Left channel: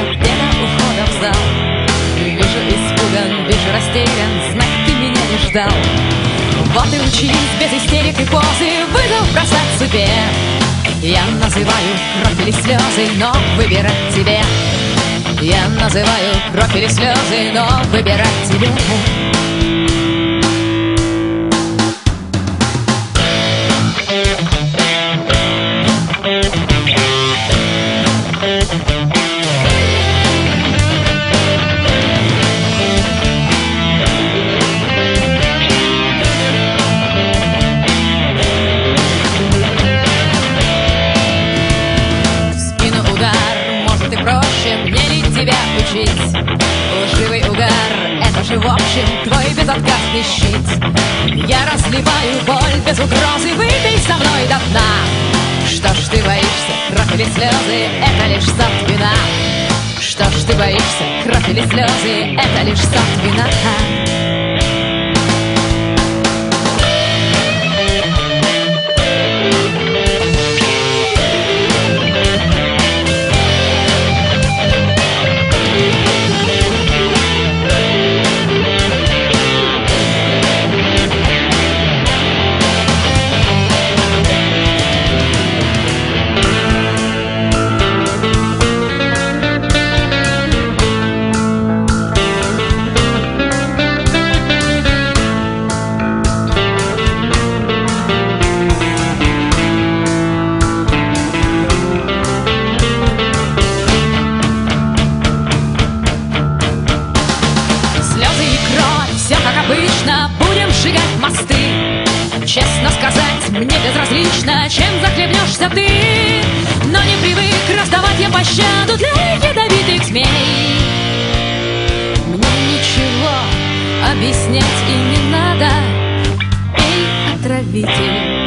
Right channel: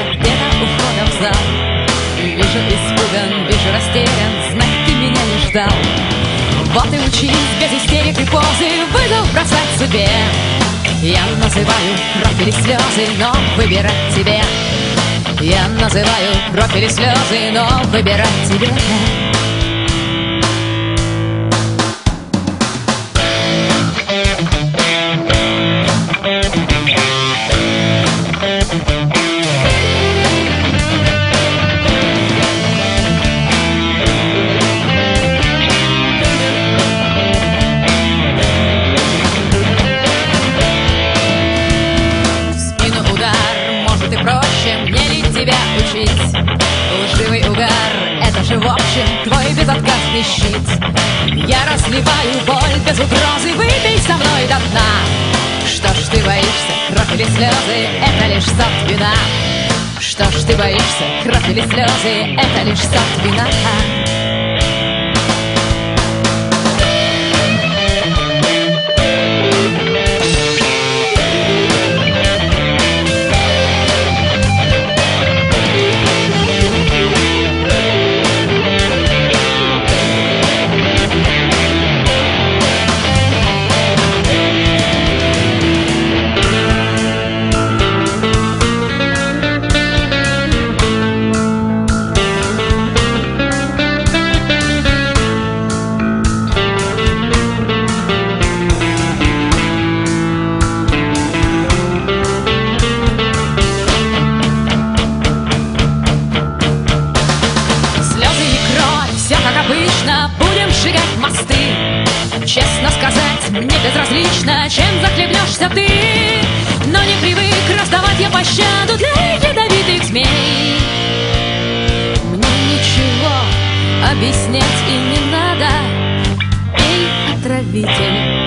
я где-то у входа в зал. Вижу испуган, вижу растерян, знать ты меня не ждал. Вот и учись без истерик и позы вызов бросать судьбе. Я называю кровь или слезы, но выбирать тебе. Я называю кровь или слезы, но выбирать тебе. Может и проще, мне ли тебя учить? Лживый угар, это же в общем твой безотказный щит. Я разливаю боль без угрозы, выпей со мной до дна. Что ж ты боишься, кровь или слезы, это лишь сорт вина. Что ж ты боишься, кровь или слезы, это лишь сорт вина. Слезы и кровь, все как обычно, будем сжигать мосты. Честно сказать, мне безразлично, чем захлебнешься ты. Но не привык раздавать я пощаду для ядовитых змей. Мне ничего объяснять и не надо, пей, отравитель.